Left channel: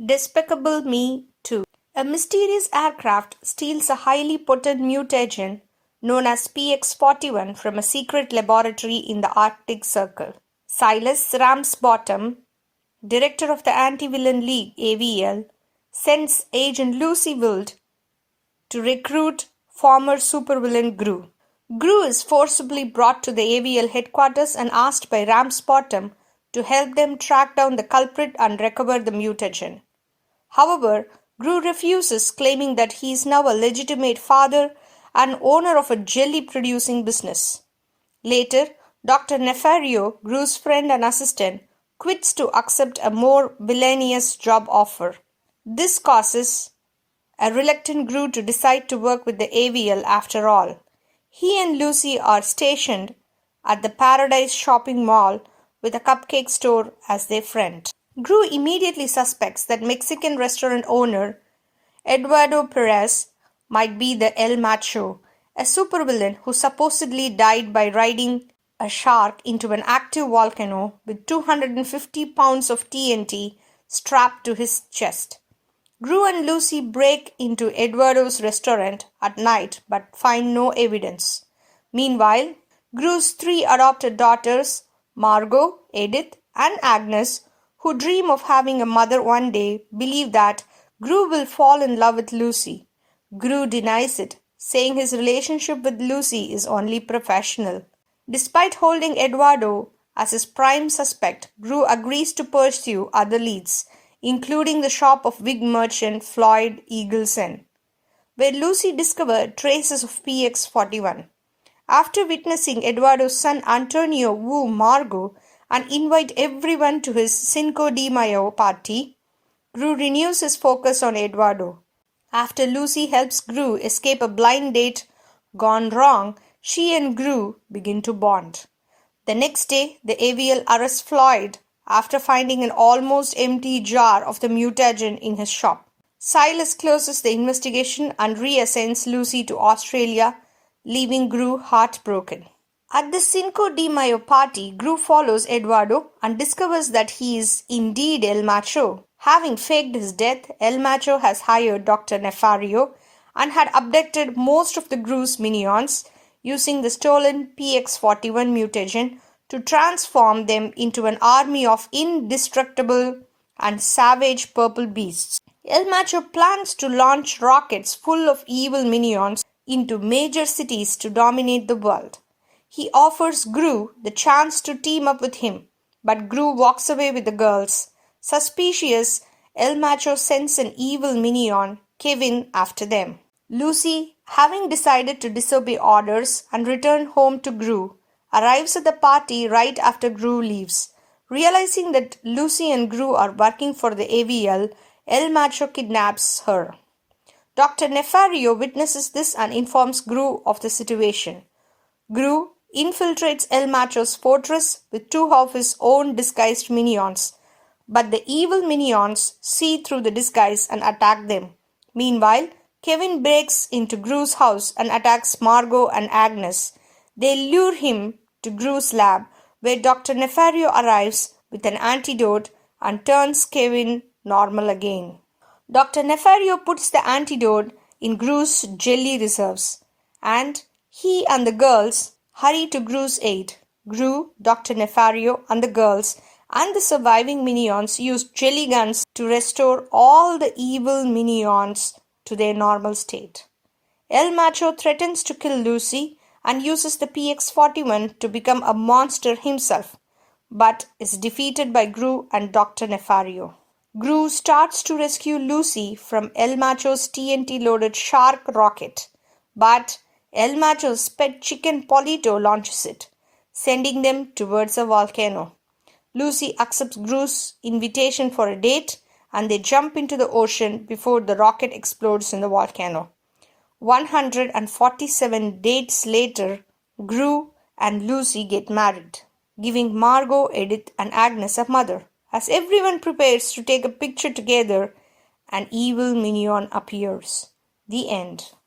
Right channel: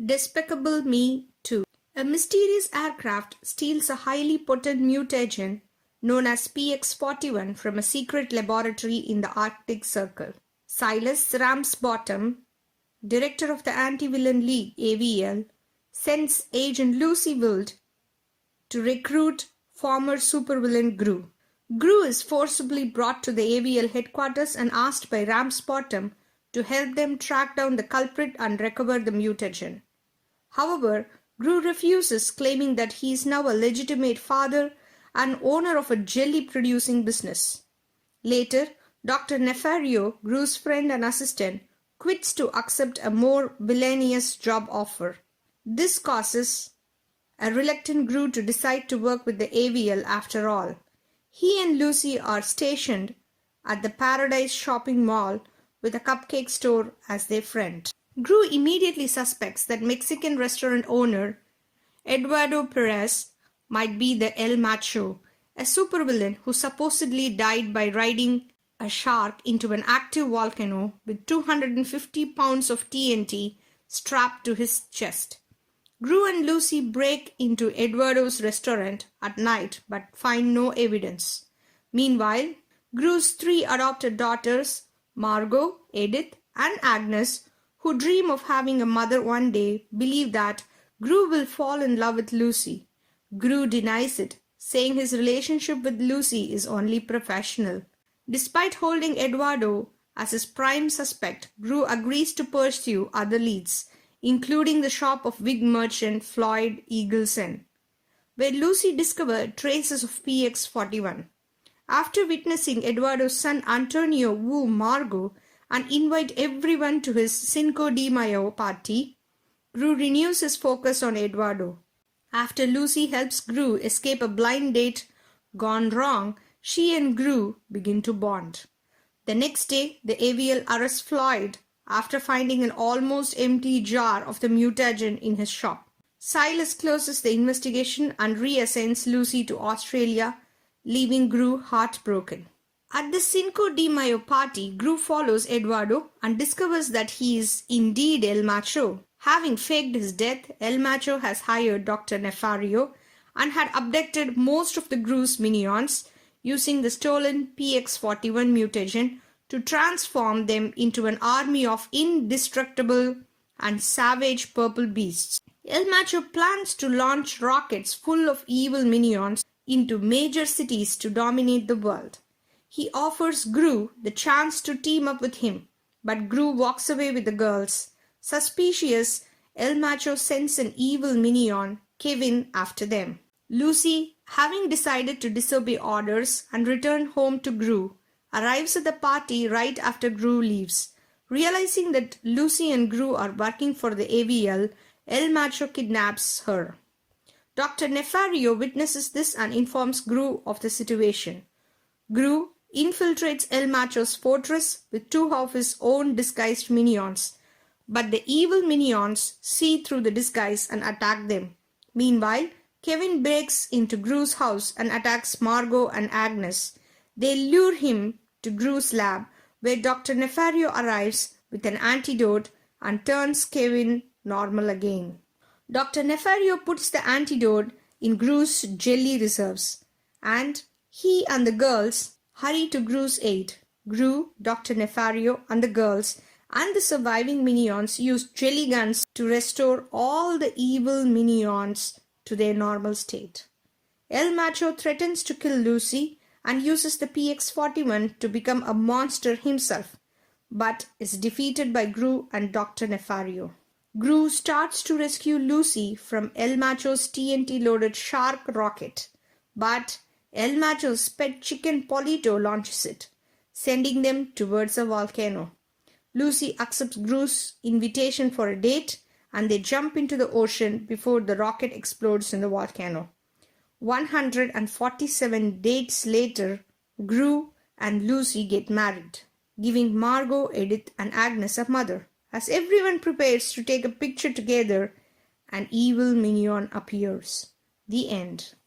Despecable Me 2. A mysterious aircraft steals a highly potent mutagen known as PX-41 from a secret laboratory in the Arctic Circle. Silas Ramsbottom, director of the Anti-Villain League (AVL), sends agent Lucy Wild to recruit former supervillain Gru. Gru is forcibly brought to the AVL headquarters and asked by Ramsbottom to help them track down the culprit and recover the mutagen. However, Gru refuses, claiming that he is now a legitimate father and owner of a jelly-producing business. Later, Dr. Nefario, Gru's friend and assistant, quits to accept a more villainous job offer. This causes a reluctant Gru to decide to work with the AVL after all. He and Lucy are stationed at the Paradise shopping mall with a cupcake store as their friend. Gru immediately suspects that Mexican restaurant owner Eduardo Perez might be the El Macho, a supervillain who supposedly died by riding a shark into an active volcano with 250 pounds of TNT strapped to his chest. Gru and Lucy break into Eduardo's restaurant at night but find no evidence. Meanwhile, Gru's three adopted daughters, Margot, Edith, and Agnes, who dream of having a mother one day, believe that Gru will fall in love with Lucy. Gru denies it, saying his relationship with Lucy is only professional. Despite holding Eduardo as his prime suspect, Gru agrees to pursue other leads, including the shop of wig merchant Floyd Eagleson, where Lucy discovered traces of PX-41. After witnessing Eduardo's son Antonio woo Margot and invite everyone to his Cinco de Mayo party, Gru renews his focus on Eduardo. After Lucy helps Gru escape a blind date gone wrong, she and Gru begin to bond. The next day, the AVL arrests Floyd after finding an almost empty jar of the mutagen in his shop. Silas closes the investigation and reassigns Lucy to Australia, leaving Gru heartbroken. At the Cinco de Mayo party, Gru follows Eduardo and discovers that he is indeed El Macho. Having faked his death, El Macho has hired Dr. Nefario and had abducted most of the Gru's minions, using the stolen PX-41 mutagen to transform them into an army of indestructible and savage purple beasts. El Macho plans to launch rockets full of evil minions into major cities to dominate the world. He offers Gru the chance to team up with him, but Gru walks away with the girls. Suspicious, El Macho sends an evil minion, Kevin, after them. Lucy, having decided to disobey orders and return home to Gru, arrives at the party right after Gru leaves. Realizing that Lucy and Gru are working for the AVL, El Macho kidnaps her. Dr. Nefario witnesses this and informs Gru of the situation. Gru infiltrates El Macho's fortress with two of his own disguised minions, but the evil minions see through the disguise and attack them. Meanwhile, Kevin breaks into Gru's house and attacks Margot and Agnes. They lure him to Gru's lab, where Dr. Nefario arrives with an antidote and turns Kevin normal again. Dr. Nefario puts the antidote in Gru's jelly reserves, and he and the girls hurry to Gru's aid. Gru, Dr. Nefario, and the girls and the surviving minions use jelly guns to restore all the evil minions to their normal state. El Macho threatens to kill Lucy and uses the PX-41 to become a monster himself, but is defeated by Gru and Dr. Nefario. Gru starts to rescue Lucy from El Macho's TNT-loaded shark rocket, but El Macho's pet chicken Polito launches it, sending them towards a volcano. Lucy accepts Gru's invitation for a date, and they jump into the ocean before the rocket explodes in the volcano. 147 dates later, Gru and Lucy get married, giving Margot, Edith, and Agnes a mother. As everyone prepares to take a picture together, an evil minion appears. The end.